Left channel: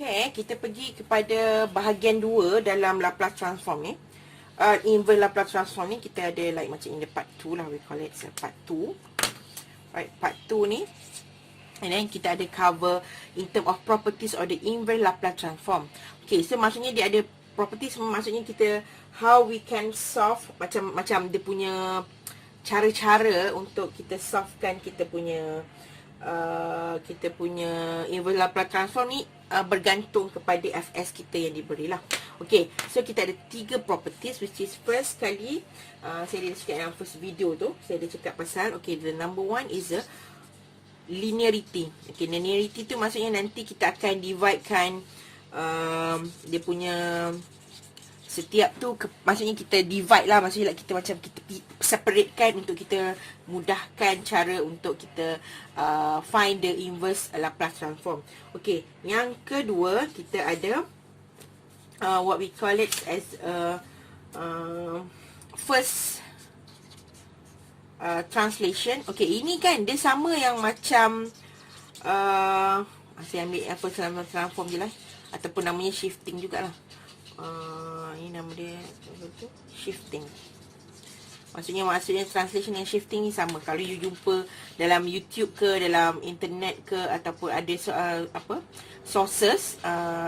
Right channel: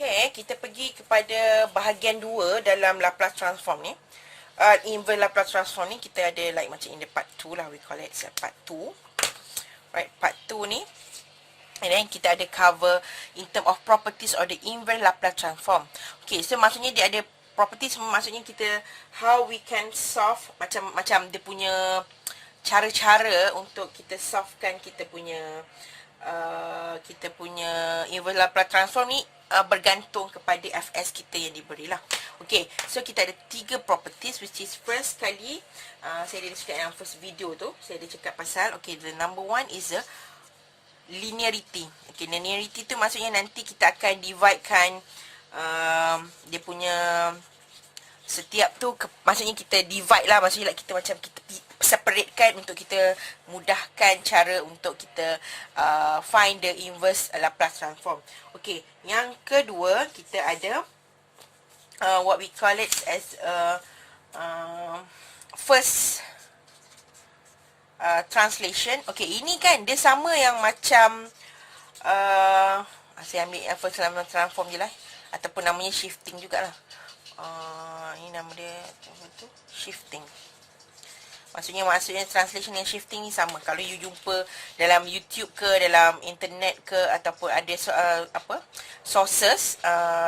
Okay, kita pergi kepada bahagian 2 dalam Laplace transform ni. Inverse Laplace transform ni kita ada like macam in the part 2 lah, we call it part 2. Right, part 2 ni. And then kita ada cover in term of properties of the inverse Laplace transform. Okay, so maksudnya dia ada properties, maksudnya kita how we can solve macam dia punya cara-cara untuk kita solvekan kita punya inverse Laplace transform ni bergantung kepada Fs kita yang diberilah. Okay, so kita ada 3 properties, which is first kali saya ada cakap dalam first video tu, saya ada cakap pasal, okay, the number one is the linearity. Okay, linearity tu maksudnya nanti kita akan dividekan dia punya setiap tu maksudnya kita divide lah, maksudnya like kita macam kita separatekan untuk kita mudahkan cara untuk kita find the inverse Laplace transform. Okay, yang kedua kita ada what we call it as first translation. Okay, ini kan dia sama yang macam saya ambil yang first transform je lah, ataupun namanya shifting jugalah. Ini nama dia apa tu? Shifting. Maksudnya translation yang shifting ni sama. Kalau you jumpa dalam YouTube ke, dalam internet ke, ataupun ada sources,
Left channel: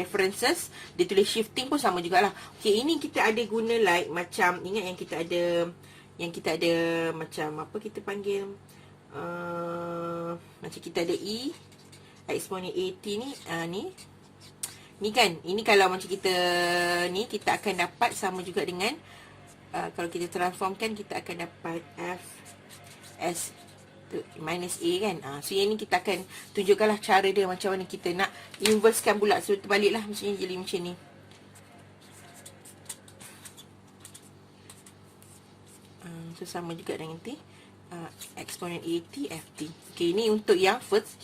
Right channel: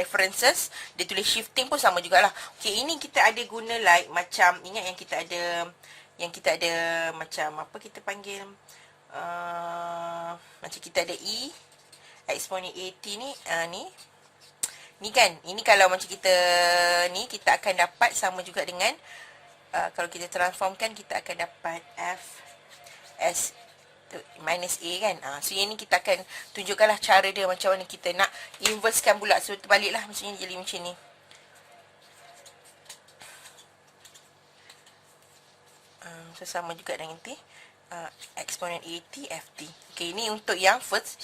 references, dia tulis shifting pun sama jugalah. Okay, ini kita ada guna like macam, ingat yang kita ada macam apa kita panggil, macam kita ada E exponent AT ni, ni kan, ini kalau macam kita ni, kita akan dapat sama juga dengan kalau kita transformkan, kita akan dapat F S minus A kan. So yang ni kita akan tunjukkanlah cara dia macam mana kita nak inversekan pula. So terbaliklah, maksudnya jadi macam ni. So sama juga dengan nanti exponent AT FT. Okay, ini untuk yang first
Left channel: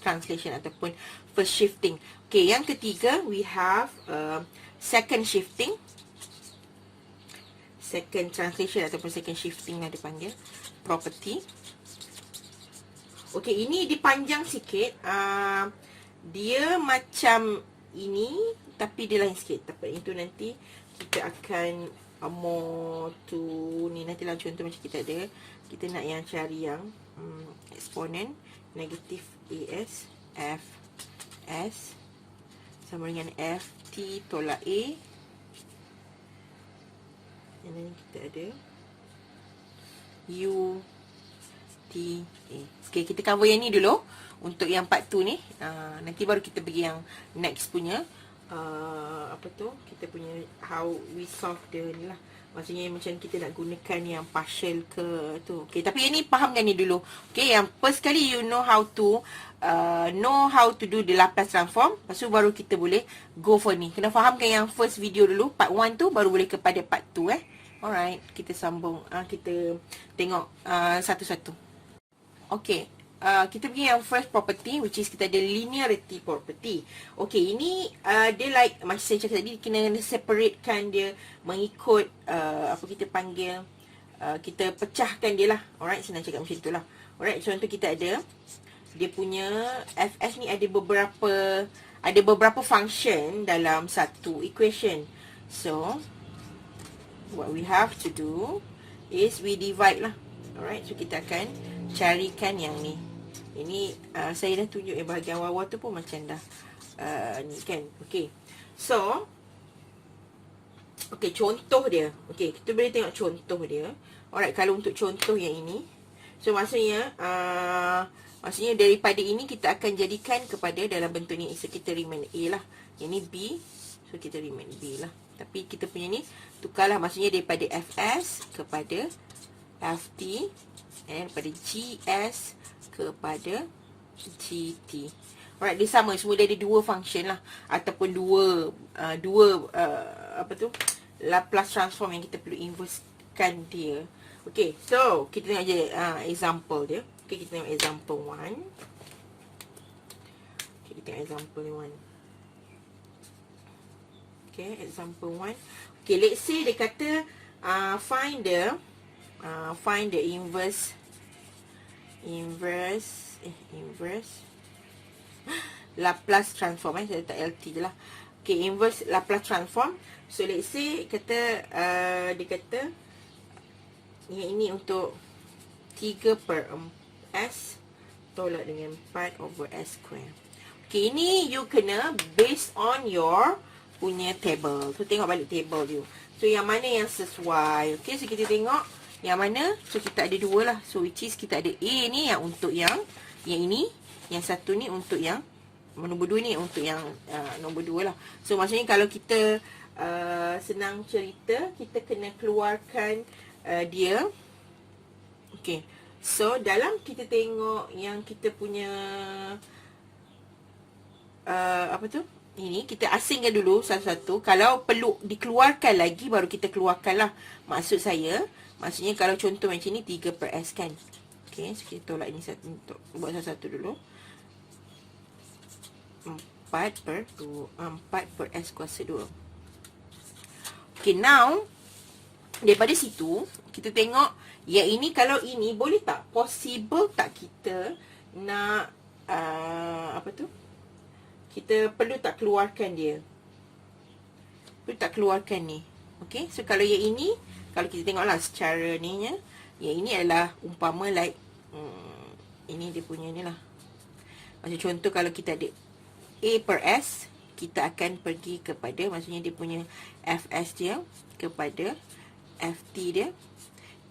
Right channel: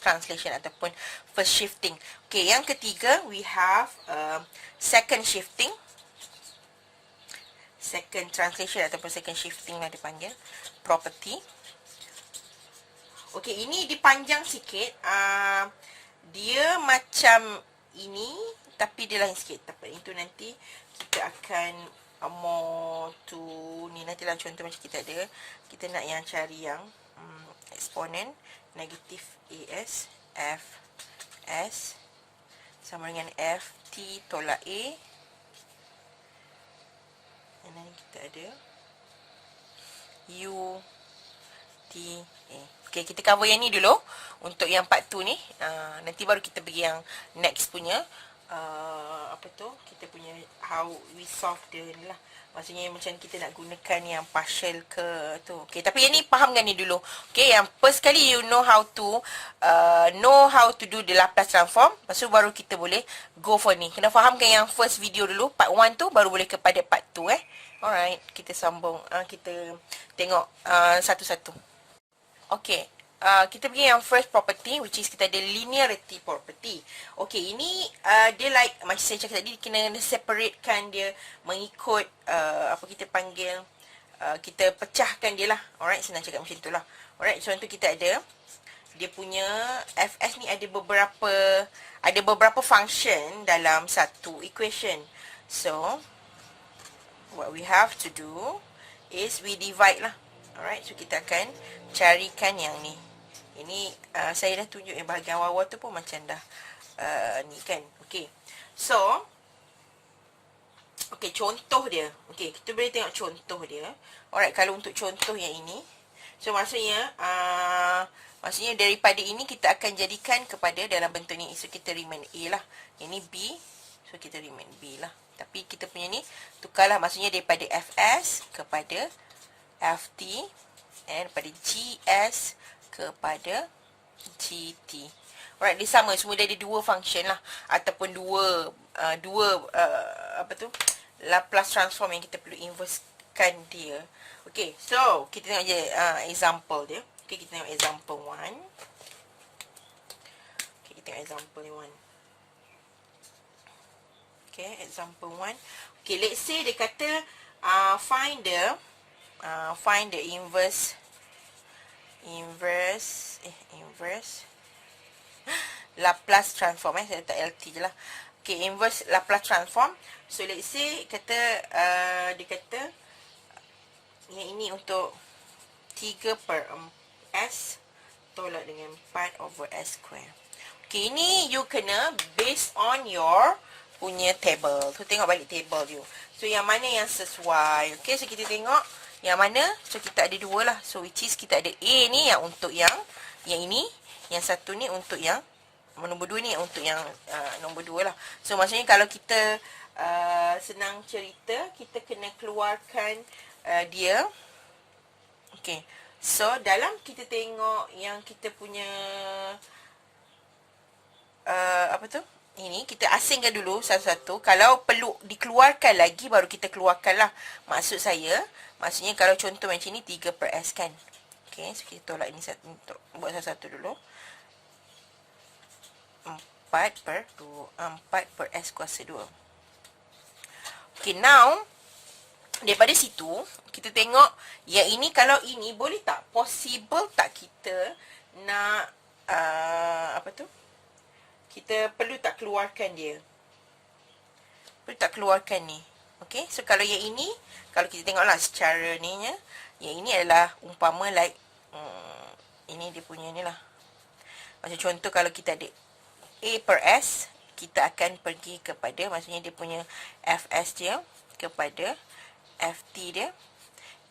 translation ataupun first shifting. Okay, yang ketiga we have second shifting, second translation ataupun second shifting lah dipanggil property. Okay, ini dipanjang sikit, dia macam ini tapi dia lain sikit. Tapi itu nanti kita akan more to ni, nantilah contoh macam kita ada, kita nak yang cari yang exponent negatif AS FS sama dengan FT tolak A, dan then kita ada U T A. Okay, kita cover yang ni dulu untuk yang part 2 ni. Nanti baru kita pergi yang next punya apa tu, kita punya how we solve the ni lah. Maksudnya macam kita nak gunakan yang partial ke tu. Okay, tapi yang ni fahamkan ni dulu. Okay, yang first kali you know how to do the Laplace transform. Lepas tu baru kita boleh go for ni. Kena fahamkan yang first video dulu, part 1 tu, baru boleh kepada part 2 Alright, kita sambung. Kita tengok satu-satu. Okay, kita pergi yang first property, which is kita ada linearity property. Okay, ini dia like macam saya cakap tadi, kena separatekan dia mengikut apa kita panggil, kita pecahkan dia lah. Alright, senang cakap macam itulah. Alright, contoh kita ada dia punya Fs ni ada beberapa function dalam satu equation. So what we have to do is we divide lah. Alright, so kita akan carikan yang ni. Ini saya dah tunjuk bahagian bawah tu pun macam dah ni kan. Okay, so okay, contoh dia. Okay, kita boleh tengok contoh dia. Alright, kalau untuk contoh yang ini, so maksudnya daripada ini kita akan jadikan kepada dalam bentuk ni. So kita remain A lah, ini B, so kita remain B lah. Tapi kita punya ni tukarlah, maksudnya daripada Fs kepada Ft, and daripada GS kepada GT. Alright, dia sama, semua dia ada dua function lah, ataupun dua apa tu, Laplace transform yang kita perlu inversekan dia. Okay, so kita tengok je example dia. Okay, kita tengok example 1. Okay, kita tengok example 1. Okay, example 1. Okay, let's say dia kata find the inverse Laplace transform. Saya letak LT je lah. Okay, inverse Laplace transform. So let's say kata dia kata yang ini untuk 3 per S tolak dengan 4 over S square. Okay, ini you kena based on your punya table. So tengok balik table you. So yang mana yang sesuai. Okay, so kita tengok yang mana. So kita ada dua lah. So which is kita ada A ni yang untuk yang ini. Yang satu ni untuk yang nombor 2 ni untuk yang nombor 2 lah. So maksudnya kalau kita senang cerita, kita kena keluarkan dia. Okay. So dalam kita tengok yang kita punya apa tu? Ini kita asingkan dulu satu-satu. Kalau perlu dikeluarkan lagi baru kita keluarkan lah. Maksud saya, maksudnya kalau contoh macam ni 3 per S kan. Okay, so kita tolak ini satu, buat satu-satu dulu. 4 per S kuasa 2. Okay, now daripada situ kita tengok yang ini, kalau ini boleh tak, possible tak kita nak apa tu, kita perlu tak keluarkan dia, perlu tak keluarkan ni. Okay, so kalau yang ini, kalau kita tengoklah secara ni nya, yang ini adalah umpama like ini dia punya ni lah. Macam contoh kalau kita ada A per S, kita akan pergi kepada, maksudnya dia punya Fs dia kepada Ft dia.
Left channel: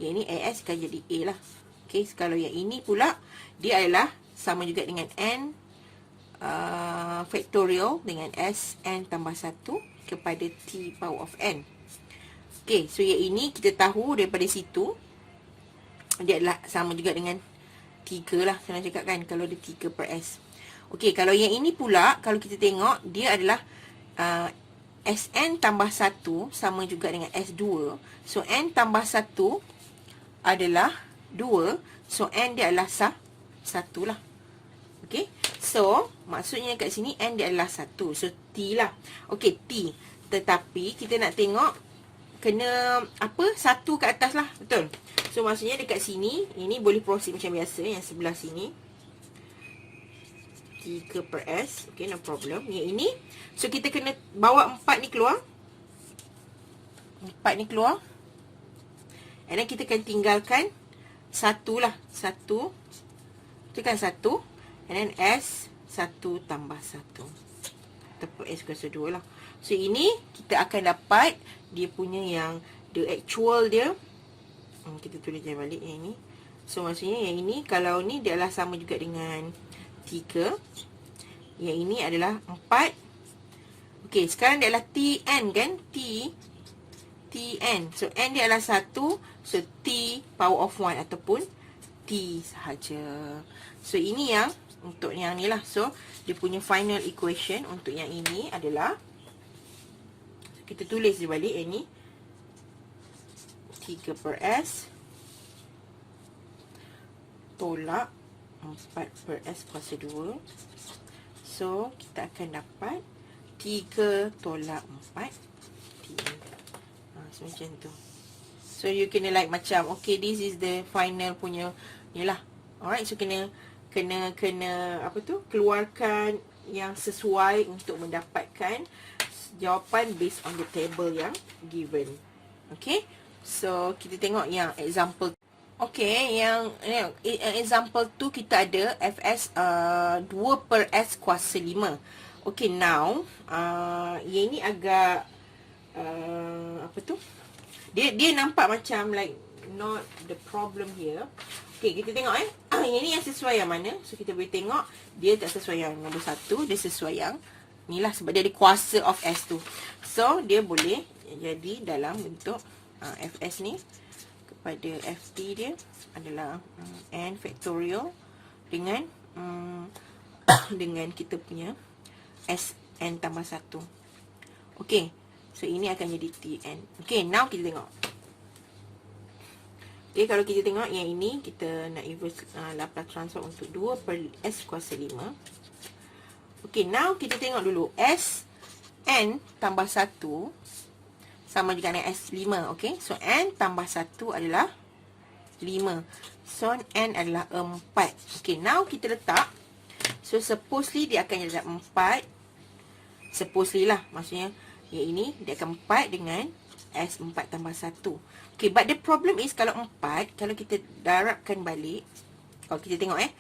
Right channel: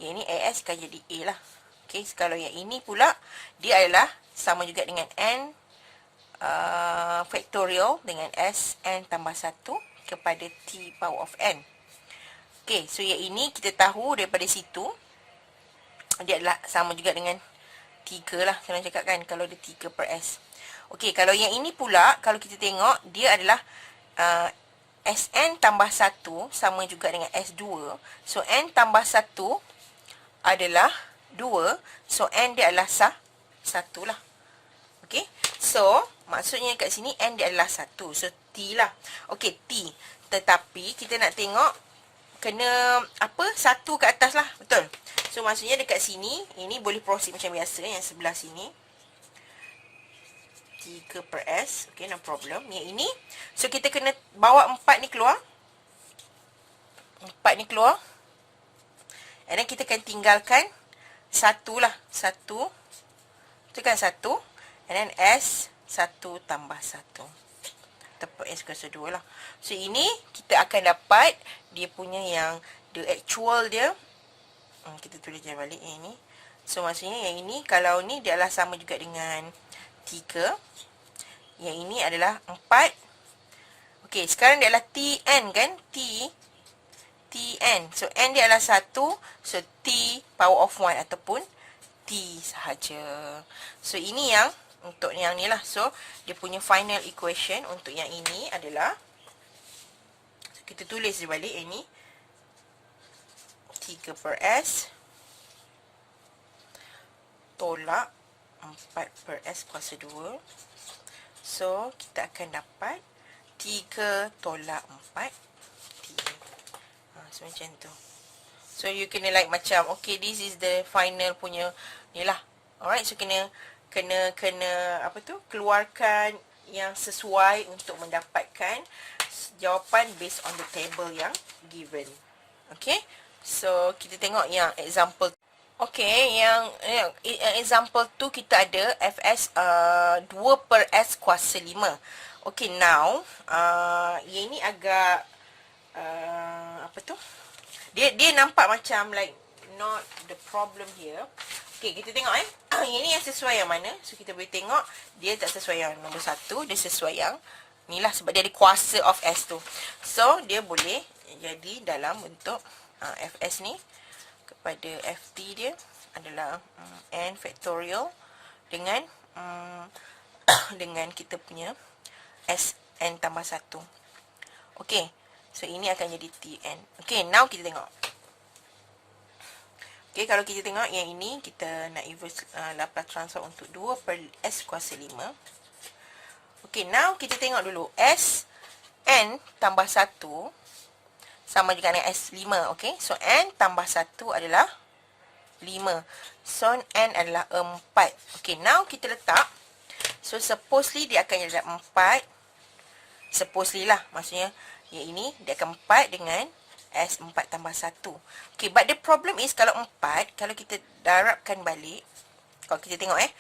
Yang ini AS akan jadi A lah. Okay, so kalau yang ini pula, dia adalah sama juga dengan N factorial dengan S N tambah 1 kepada T power of N. Okay, so yang ini kita tahu daripada situ, dia adalah sama juga dengan 3 lah. Saya nak cakap kan, kalau dia 3 per S. Okay, kalau yang ini pula, kalau kita tengok, dia adalah Sn tambah 1 sama juga dengan S2. So, N tambah 1 adalah 2. So, N dia adalah 1 lah. Okay, so, maksudnya kat sini, N dia adalah 1. So, T lah. Okay, T. Tetapi, kita nak tengok, kena apa? 1 ke atas lah. Betul? So, maksudnya dekat sini, ini boleh proceed macam biasa, yang sebelah sini. 3 per S. Okay, no problem. Yang ini, so kita kena bawa 4 ni keluar. 4 ni keluar. And then kita akan tinggalkan 1 lah. 1. Itu kan 1. And then S 1 tambah 1. Tepat S kuasa 2 lah. So, ini kita akan dapat dia punya yang the actual dia. Kita tulis je balik yang ini. So, maksudnya yang ini, kalau ni dia adalah sama juga dengan 3. Yang ini adalah 4. Okey, sekarang dia adalah Tn kan? Tn. So, N dia adalah 1. So, T power of 1 ataupun T sahaja. So, ini yang untuk yang ni lah. So, dia punya final equation untuk yang ini adalah, so, kita tulis di balik yang ni. 3 per S tolak 4 per S kuasa 2. So, kita akan dapat 3 tolak 4 T. So, macam tu. So, you kena like macam, okay, this is the final punya ni lah. Alright, so kena apa tu, keluarkan yang sesuai untuk mendapatkan jawapan based on the table yang given. Okay, so kita tengok yang example. Okay, yang example tu kita ada Fs 2 per S kuasa 5. Okay, now yang ni agak apa tu, dia nampak macam like not the problem here. Okay, kita tengok yang ni yang sesuai yang mana. So, kita boleh tengok dia tak sesuai yang nombor 1. Dia sesuai yang ni lah, sebab dia ada kuasa of S tu. So, dia boleh jadi dalam bentuk Fs ni kepada Ft dia adalah N factorial dengan dengan kita punya Sn tambah 1. Okay, so ini akan jadi Tn. Okay, now kita tengok. Okay, kalau kita tengok yang ini, kita nak inverse Laplace transform untuk 2 per S kuasa 5. Okay, now kita tengok dulu. Sn tambah 1 sama juga dengan S5. Okay, so N tambah 1 adalah 5. So, N adalah 4. Okay, now kita letak So supposedly dia akan jadi 4. Supposedly lah, maksudnya yang ini dia akan 4 dengan S4 tambah 1. Okay, but the problem is kalau 4, kalau kita darabkan balik, kalau kita tengok 1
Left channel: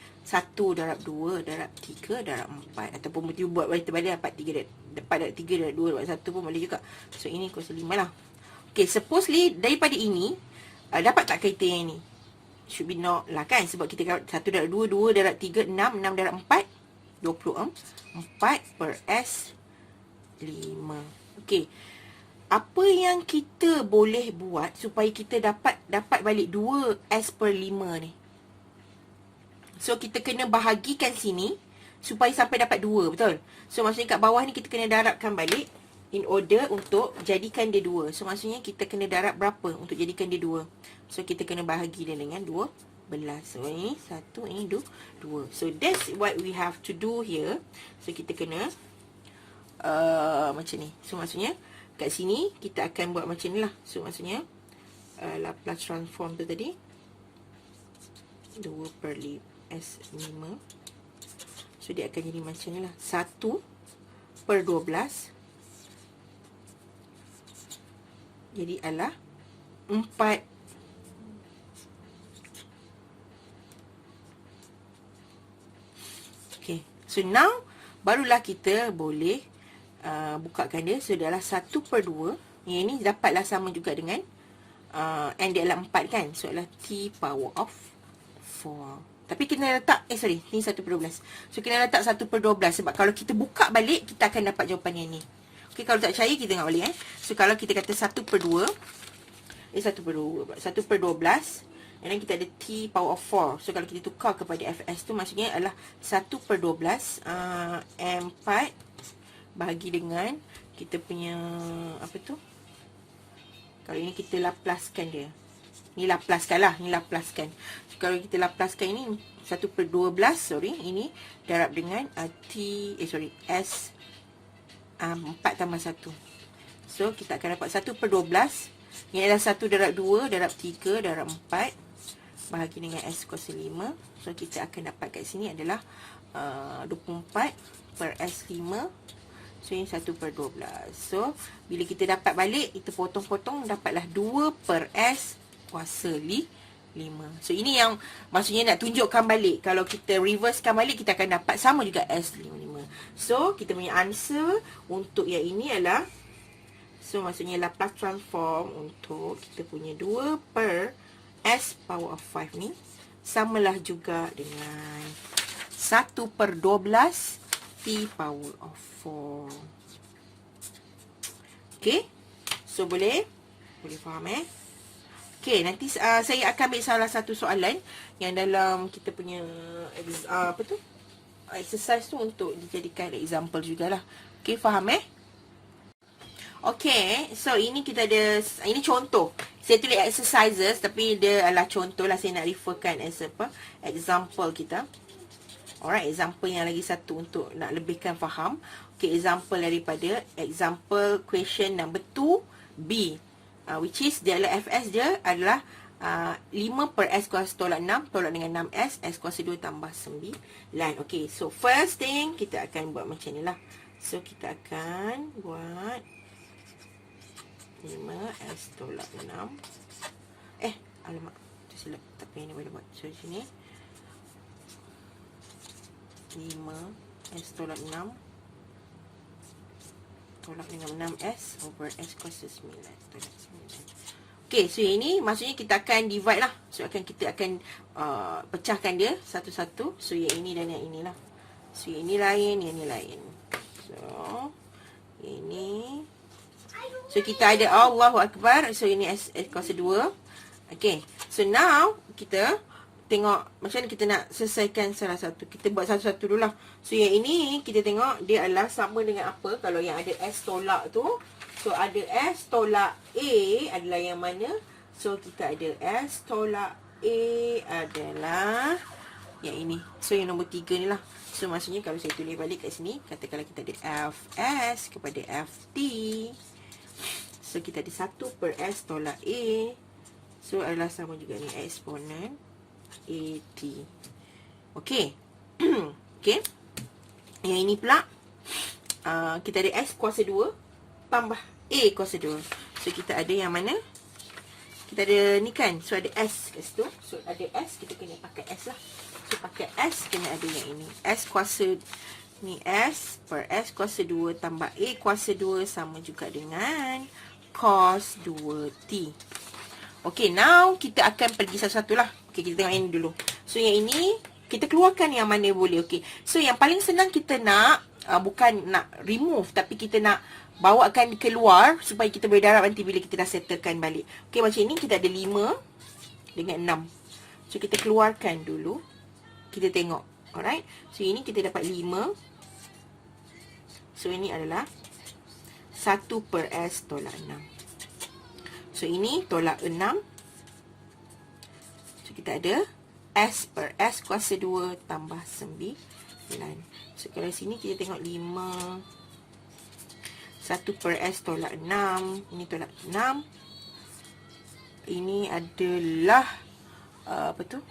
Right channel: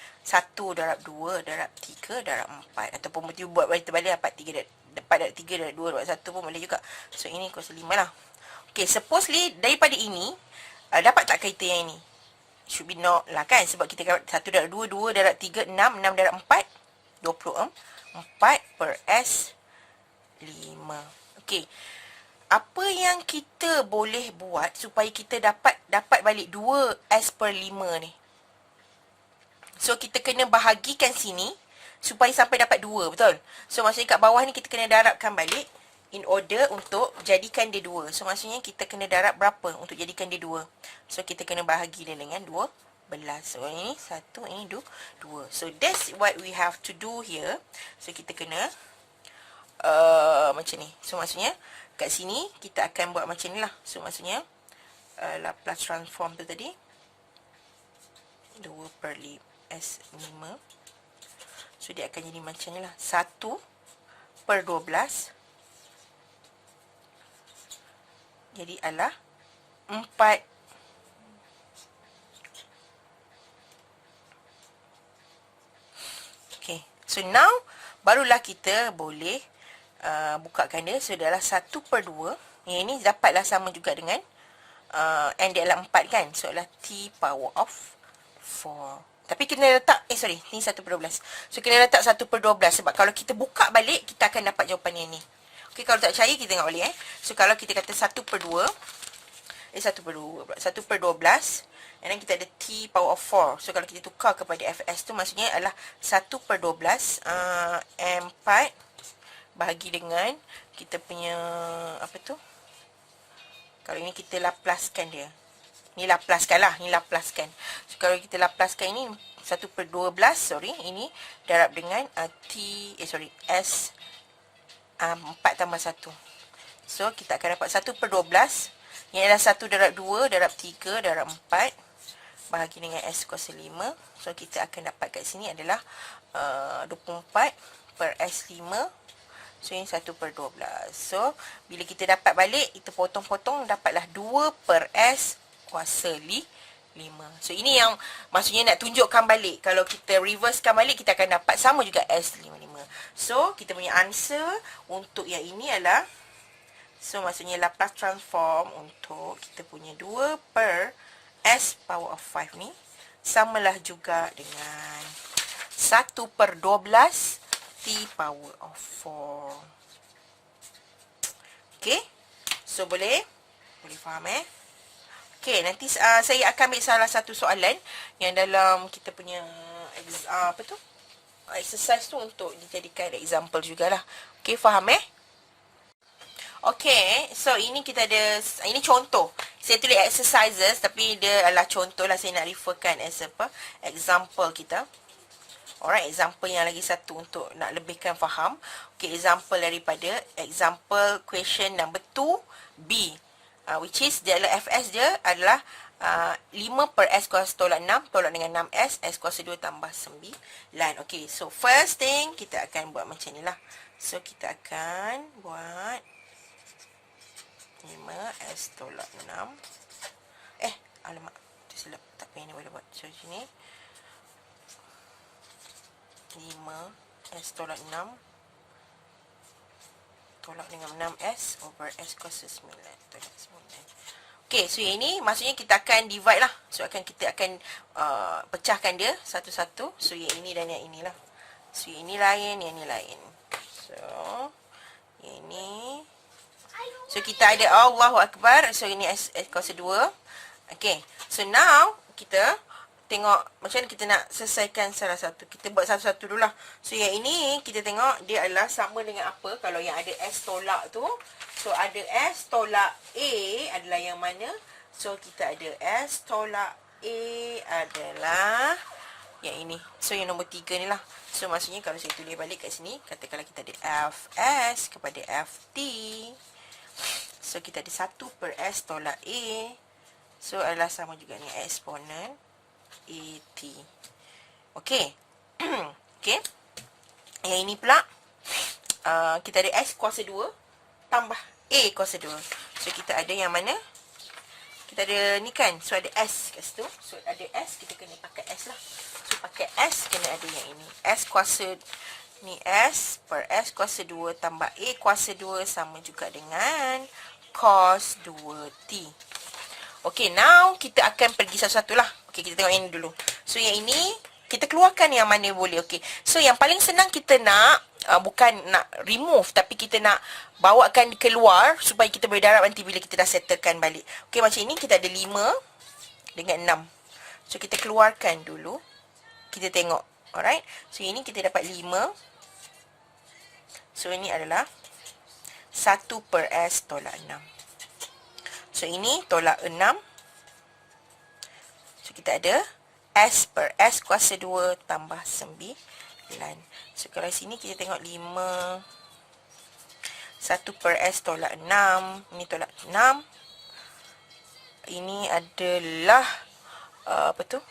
darab 2 darab 3 darab 4, ataupun kita buat balik terbalik, 4 darab 3 darab 2 darab 1 pun boleh juga. So ini kuasa 5 lah. Okay, supposedly daripada ini dapat tak kereta yang ini? Should be not lah kan, sebab kita dapat 1 darab 2, 2 darab 3, 6, 6 darab 4, 24 per S 5. Okey. Apa yang kita boleh buat supaya kita dapat balik 2S per 5 ni? So, kita kena bahagikan sini supaya sampai dapat 2, betul? So, maksudnya kat bawah ni kita kena darabkan balik in order untuk jadikan dia 2. So, maksudnya kita kena darab berapa untuk jadikan dia 2? So, kita kena bahagi dia dengan 12. So, ini 1, ini 2. So, that's what we have to do here. So, kita kena macam ni. So maksudnya kat sini kita akan buat macam ni lah. So maksudnya Laplace transform tu tadi 2 per S5. So dia akan jadi macam ni lah, 1 per 12 jadi adalah 4. Okay, so now barulah kita boleh bukakan dia. So dia adalah 1 per 2. Yang ini dapatlah sama juga dengan N dia adalah 4 kan. So adalah T power of 4. Tapi kena letak sorry, ni 1 per 12. So kena letak 1 per 12. Sebab kalau kita buka balik, kita akan dapat jawapan yang ni. Okay, kalau tak percaya kita tengok balik So kalau kita kata 1 per 2 1 per 2 1 per 12, and then kita ada T power of 4. So kalau kita tukar kepada Fs tu, maksudnya adalah 1 per 12 M4 bahagi dengan kita punya apa tu, kalau ini kita laplaskan dia, ni laplaskan lah, ni laplaskan. So, kalau kita laplaskan ini 1 per 12, sorry, ini darab dengan S 4 tambah 1. So kita akan dapat 1 per 12, yang adalah 1 darab 2 darab 3 darab 4 bahagi dengan S kuasa 5. So kita akan dapat kat sini adalah 24 per S5. So, ini 1 per 12. So, bila kita dapat balik, kita potong-potong, dapatlah 2 per S kuasa 5. So, ini yang maksudnya nak tunjukkan balik. Kalau kita reversekan balik, kita akan dapat sama juga S55. So, kita punya answer untuk yang ini adalah, so, maksudnya Laplace transform untuk kita punya 2 per S power of 5 ni, samalah juga dengan 1 per 12 T power of 4. Okay. So, boleh faham Okay, nanti saya akan ambil salah satu soalan yang dalam kita punya exercise tu untuk dijadikan example jugalah. Okay, faham Okay, so ini kita ada, ini contoh. Saya tulis exercises tapi dia adalah contoh lah, saya nak referkan as example kita. Alright, example yang lagi satu untuk nak lebihkan faham. Okay, example daripada example question number 2B. Which is, dia adalah Fs dia adalah 5 per S kuasa tolak 6, tolak dengan 6S, S kuasa 2 tambah 9. Okay, so first thing, kita akan buat macam ni lah. So, kita akan buat 5S tolak 6. Alamak, tersilap. Tak apa, ini boleh buat. So, sini 5S tolak 6 tolak dengan 6S over S kuasa 9 tolak 9. Okay, so yang ini maksudnya kita akan divide lah. So kita akan pecahkan dia satu-satu. So yang ini dan yang inilah. So yang ini lain, yang ini lain. So yang ini, so kita ada Allahu Akbar. So ini S kuasa 2. Okay, so now kita tengok macam mana kita nak selesaikan salah satu. Kita buat satu-satu dulu lah. So, yang ini kita tengok dia adalah sama dengan apa. Kalau yang ada S tolak tu. So, ada S tolak A adalah yang mana? So, kita ada S tolak A adalah yang ini. So, yang nombor 3 ni lah. So, maksudnya kalau saya tulis balik kat sini. Katakanlah kita ada Fs kepada Ft. So, kita ada 1 per S tolak A. So, adalah sama juga dengan eksponen AT. Okay. Okay. Yang ini pula kita ada S kuasa 2 tambah A kuasa 2. So kita ada yang mana? Kita ada ni kan. So ada S kat situ. So ada S, kita kena pakai S lah. So pakai S, kena ada yang ini. S kuasa ni S per S kuasa 2 tambah A kuasa 2 sama juga dengan cos 2T. Okay, now kita akan pergi satu-satu lah. Okay, kita tengok yang ini dulu. So yang ini kita keluarkan yang mana boleh. Okay, so yang paling senang kita nak bukan nak remove, tapi kita nak bawakan keluar supaya kita boleh darab nanti bila kita dah settlekan balik. Okay, macam ini kita ada 5 dengan 6. So kita keluarkan dulu. Kita tengok. Alright. So ini kita dapat 5. So ini adalah 1 per S tolak 6. So ini tolak 6. So kita ada S per S kuasa 2 tambah 9. So kalau sini kita tengok 5. 1 per S tolak 6. Ini tolak 6. Ini adalah apa tu?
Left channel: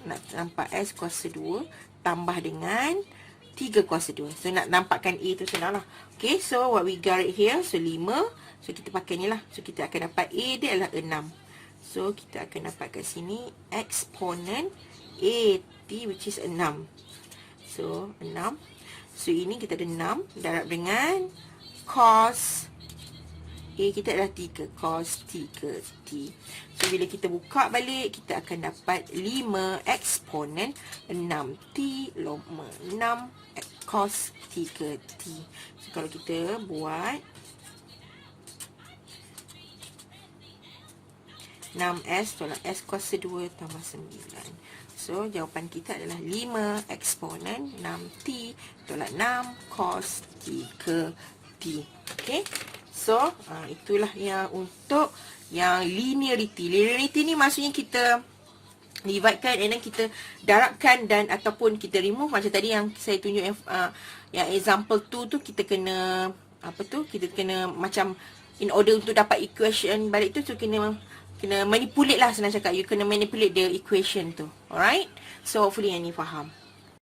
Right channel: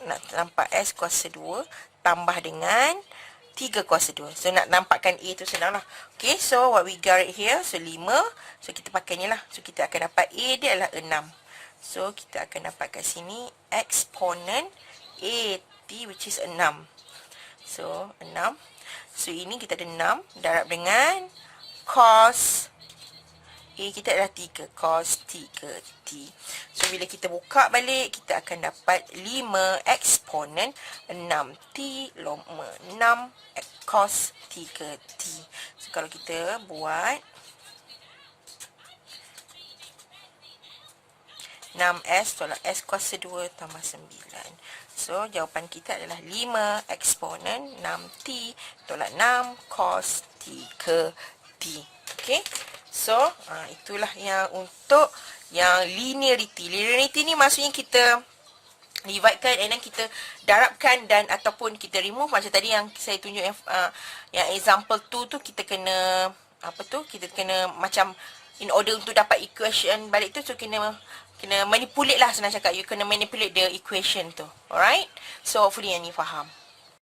Nak nampak S kuasa 2 tambah dengan 3 kuasa 2. So nak nampakkan A tu senang lah. Okay, so what we got it here. So 5. So kita pakai ni lah. So kita akan dapat A dia adalah 6. So kita akan dapat kat sini exponent AT which is 6. So 6. So ini kita ada 6 darab dengan cos A kita adalah 3 cos 3T. So bila kita buka balik, kita akan dapat 5 eksponen 6T loma 6 cos 3T. So kalau kita buat 6S tolak S kuasa 2 tambah 9. So jawapan kita adalah 5 eksponen 6T tolak 6 cos 3T. Okay. So, itulah yang untuk yang linearity. Linearity ni maksudnya kita dividekan and then kita darabkan dan ataupun kita remove. Macam tadi yang saya tunjuk yang example 2 tu kita kena apa tu? Kita kena macam in order untuk dapat equation balik tu, so kena manipulate lah senang cakap. You kena manipulate the equation tu. Alright? So, hopefully yang ni faham.